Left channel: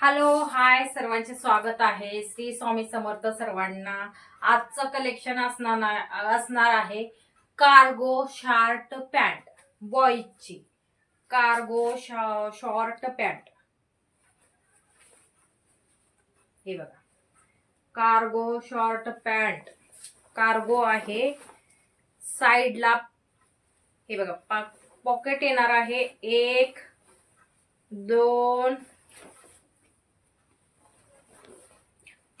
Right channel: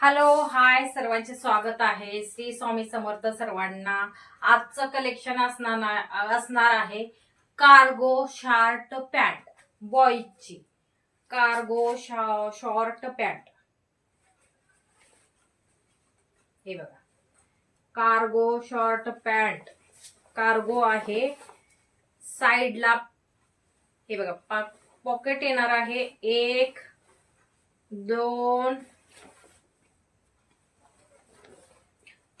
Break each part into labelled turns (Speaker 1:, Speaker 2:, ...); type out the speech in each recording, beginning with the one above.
Speaker 1: Hello hi सर्वांचे स्वागत आहे. श्री स्वामी समर्थ सर्वांना. आजचं कलेक्शन असणार असणार आहे कार्गो शॉर्ट पॅन्ट बॉईजची कार्गो शॉर्ट पॅन्ट हे बघा. कार्गो शॉर्ट पॅन्ट कार्गो आहे साईडला. हे बघा पॉकेट येणार आहे. एक दोन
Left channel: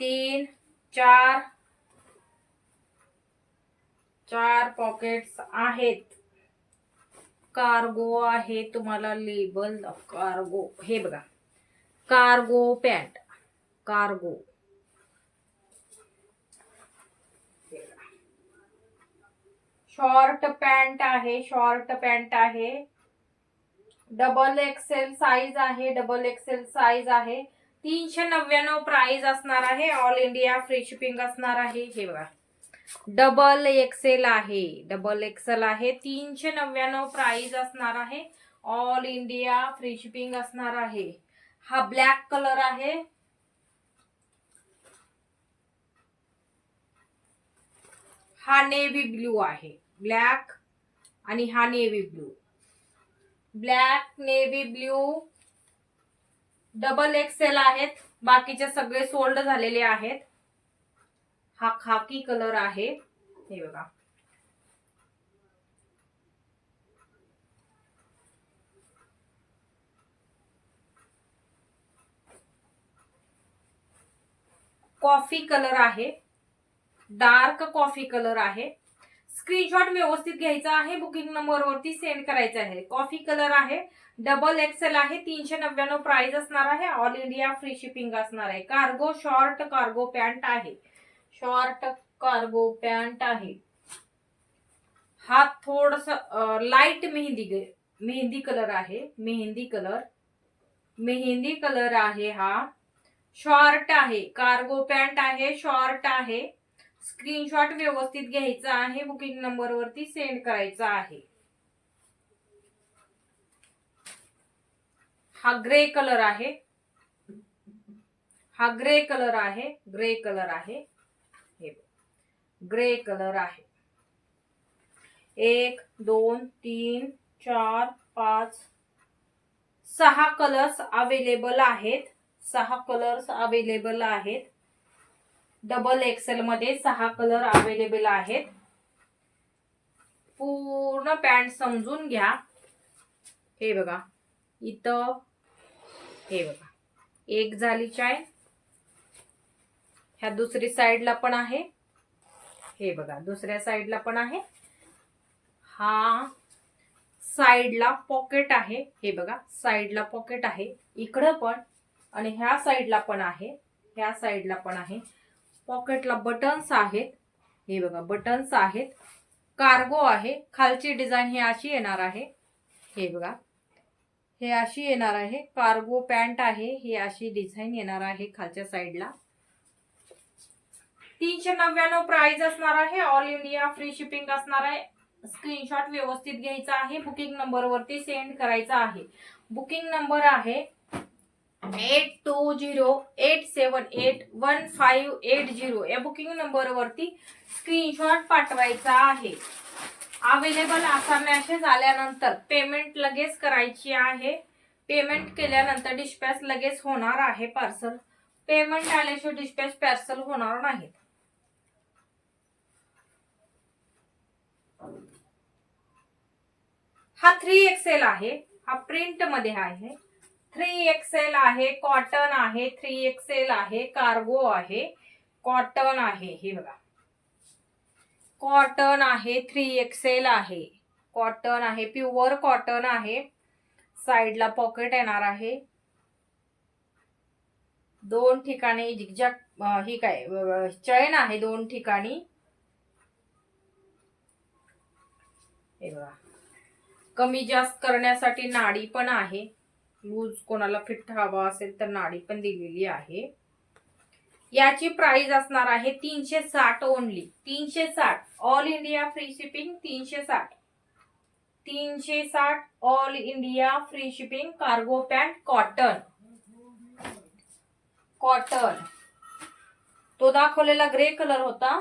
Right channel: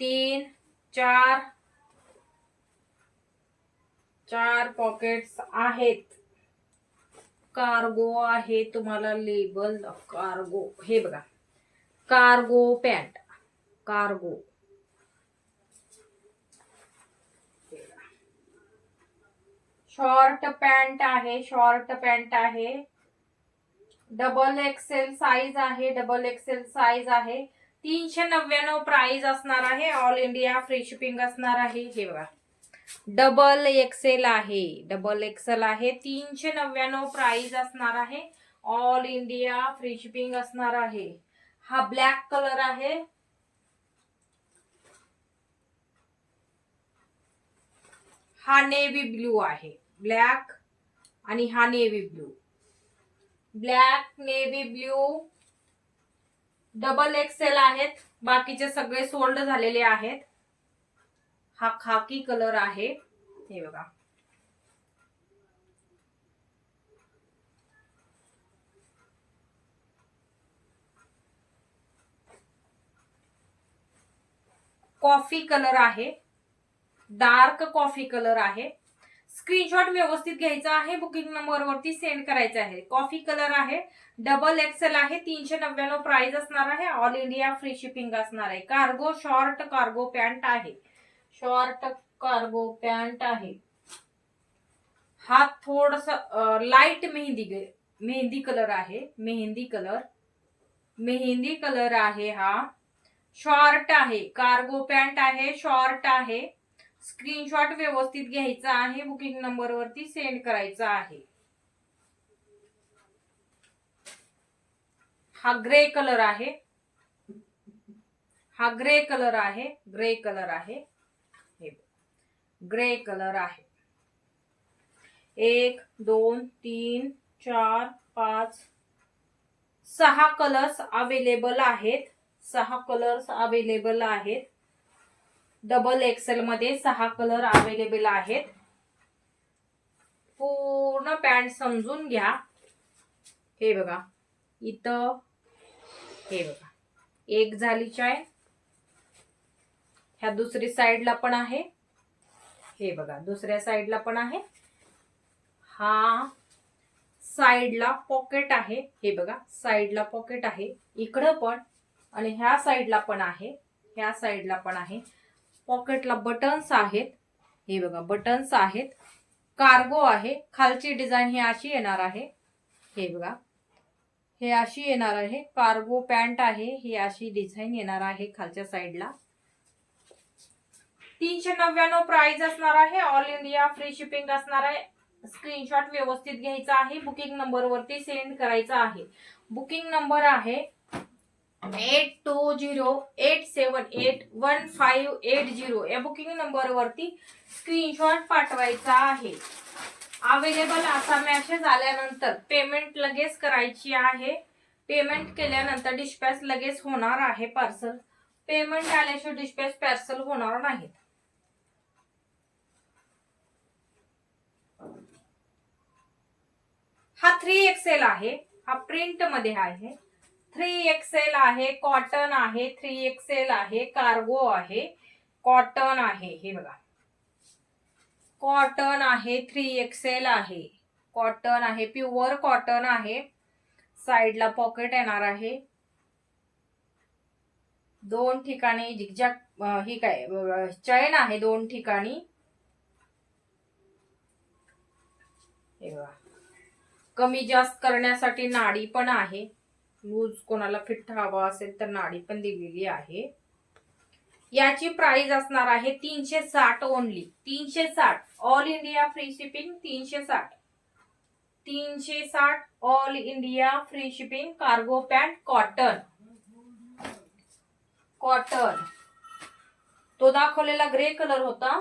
Speaker 1: तीन, चार चार पॉकेट्स आहेत. कार्गो आहे तुम्हाला लेबल कार्गो हे बघा. Cargo pant cargo short pant आहे शॉर्ट पॅन्ट आहे. डबल एक्सेल साईज आहे डबल एक्सेल साईज आहे. तीनशे नव्याण्णव प्राइस असणार आहे. ऑल इंडिया फ्री शिपिंग असणार आहे. हे बघा. डबल एक्सेल आहे. डबल एक्सेल आहे. तीनशे नव्याण्णव प्राइस असणार आहे. ऑल इंडिया फ्री शिपिंग असणार आहे. हा ब्लॅक कलर आहे. हा नेव्ही ब्ल्यू आहे. ब्लॅक आणि हा navy blue black navy blue double XL आहेत. बाकीचे सगळे सोल्ड झालेले आहेत. हा खाकी कलर आहे. हे बघा. कॉफी कलर आहे. डार्क कॉफी कलर आहे. स्क्रीनशॉट व्यवस्थित घ्यायचा आहे बुकिंग नंबरवरती सेंड करायचं आहे. कॉफी कलर आहे डबल एक्सेल आहे तीनशे नव्याण्णव प्राइस असणार आहे ऑल इंडिया फ्री शिपिंग असणार आहे. कार्गो शॉर्ट कार्गो पॅन्ट आहे. शॉर्ट कार्गो पॅन्ट आहे. हा थोडस लाइट मेहंदी मेहंदी कलर आहे मेहंदी कलर मेहंदी कलर आहे हा. शॉर्ट आहे कार्गो पॅन्ट आहे शॉर्ट आहे. स्क्रीनशॉट व्यवस्थित घ्यायचा आहे बुकिंग नंबरवरती सेंड करायचा आहे. हा ग्रे कलर आहे. हा ग्रे कलर आहे ग्रे कलर आहे. हे ग्रे कलर आहे. एक दोन तीन चार पाच सहा कलर्स अवेलेबल आहेत. सहा कलर्स अवेलेबल आहेत. डबल एक्सेल मध्ये सहा कलर अवेलेबल आहेत. पूर्ण पॅन्ट समजून घ्या. हे बघा. इथं हे बघा. एक झाली चाय. ह्या दुसरी साईडला पण आहे. हे बघा दुसऱ्या साईडला पण आहे. हा साईडला पॉकेट आहे. हे बघा साईडला पॉकेट आहे. इकडं पण आणि ह्या साईडला पण आहे. ह्या साईडला पण आहे. पॉकेटला बटन्स आहेत. हे बघा बटन्स आहेत. कार्गो आहे. खालची डिझाईन ही अशी येणार आहे. हे बघा. हे अशी येणार आहे. कार्गो पॅन्ट आहे. ही अशी डिझाईन येणार आहे खालच्या साईडला तीनशे नव्याण्णव प्राइस असणार आहे. ऑल इंडिया फ्री शिपिंग असणार आहे. स्क्रीनशॉट व्यवस्थित घ्यायचा आहे. बुकिंग नंबरवरती सेंड करायचा आहे. बुकिंग नंबर आहे eight two zero eight seven eight one five eight zero या बुकिंग नंबरवरती स्क्रीनशॉट पाठवायचा आहे. अवेलेबल असा मॅसेज आल्यानंतर पेमेंट लगेच करायची आहे. पेमेंट केल्यानंतर डिस्पॅच लगेच होणार आहे पार्सल पेमेंट आल्याशिवाय डिस्पॅच पार्सल होणार नाहीत. हा थ्री एक्सेल आहे. हा प्रिंटमध्ये आहे. थ्री एक्सेल आहे कॉटन आहे थ्री एक्सेल आहे कार्गो आहे कॉटन आहे. हे बघा. कॉटन आहे थ्री एक्सेल आहे. कॉटन आहे प्युअर कॉटन आहे. साईडला पॉकेट येणार आहे. दोन ठिकाणी झिकझॅक ही काय चैन आहे दोन ठिकाणी. हे बघा. कमी जास्त करण्यासाठी नाडी पण आहे. लूज कोणाला फिट हवा असेल तर नाडी पण दिलेली आहे. याची प्राइस असणार आहे तीनशे साठ ओनली तीनशे साठ ऑल इंडिया फ्री शिपिंग तीनशे साठ. तीनशे साठ all India free shipping cargo pant cotton cotton तो दाखवलेला ग्रे कलर होता.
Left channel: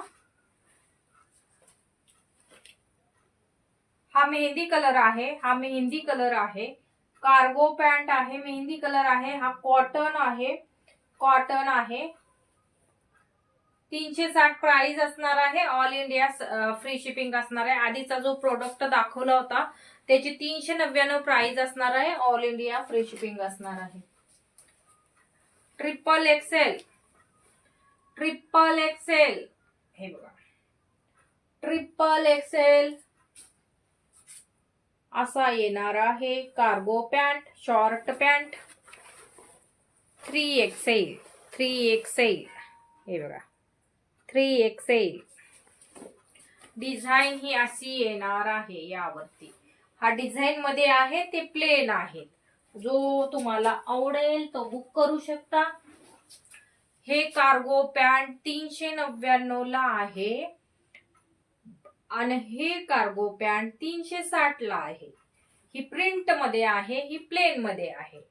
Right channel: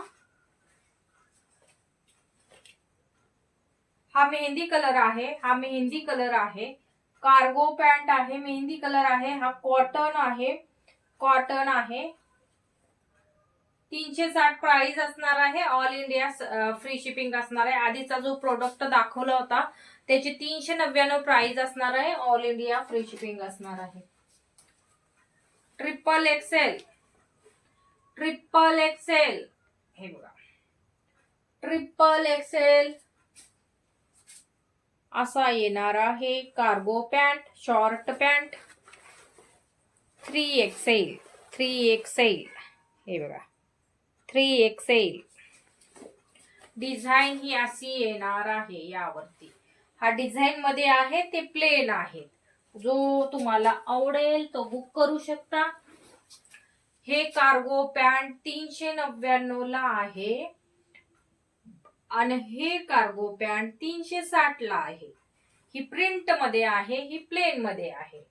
Speaker 1: हा मेहंदी कलर आहे हा मेहंदी कलर आहे. कार्गो पॅन्ट आहे मेहंदी कलर आहे हा कॉटन आहे कॉटन आहे. तीनशे साठ प्राइस असणार आहे ऑल इंडिया फ्री शिपिंग असणार आहे. आधीचा जो प्रोडक्ट दाखवला होता त्याची तीनशे नव्याण्णव प्राइस असणार आहे ऑल इंडिया फ्री शिपिंग असणार आहे. ट्रिपल एक्सेल ट्रिपल एक्सेल हे बघा. ट्रिपल एक्सेल असा येणार आहे cargo pant short pant three XL three XL हे बघा थ्री एक्सेल डिझाईन ही अशी येणार आहे यावरती. हा डिझाईन मध्ये आहे ते प्लेन आहेत. जो तुम्हाला आवडेल तो बुक करू शकता. हे कार्गो पॅन्ट तीनशे नव्याण्णव ला आहे. आणि हे कार्गो पॅन्ट तीनशे साठला आहे. ही प्रिंटमध्ये आहे ही प्लेनमध्ये आहे.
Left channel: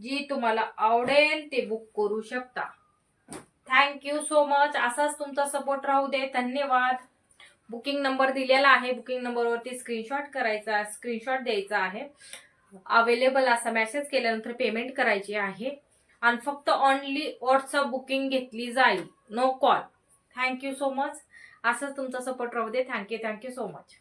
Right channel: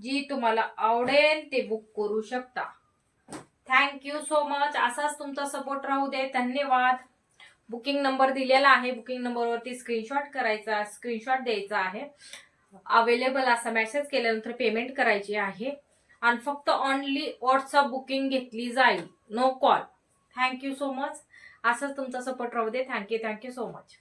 Speaker 1: जी तुम्हाला आवडेल ते बुक करू शकता. थँक्यू सो मच असाच तुमचा सपोर्ट राहू दे. धन्यवाद. बुकिंग नंबर दिलेला आहे. बुकिंग नंबरवरती स्क्रीनशॉट करायचा स्क्रीनशॉट द्यायचा आहे. अवेलेबल असा मेसेज केल्यानंतर पेमेंट करायची आहे. आणि फक्त ऑनली व्हॉट्सअप बुकिंग घेतली जाईल. No call thank you so much असंच तुमचा सपोर्ट राहू दे. Thank you thank you so much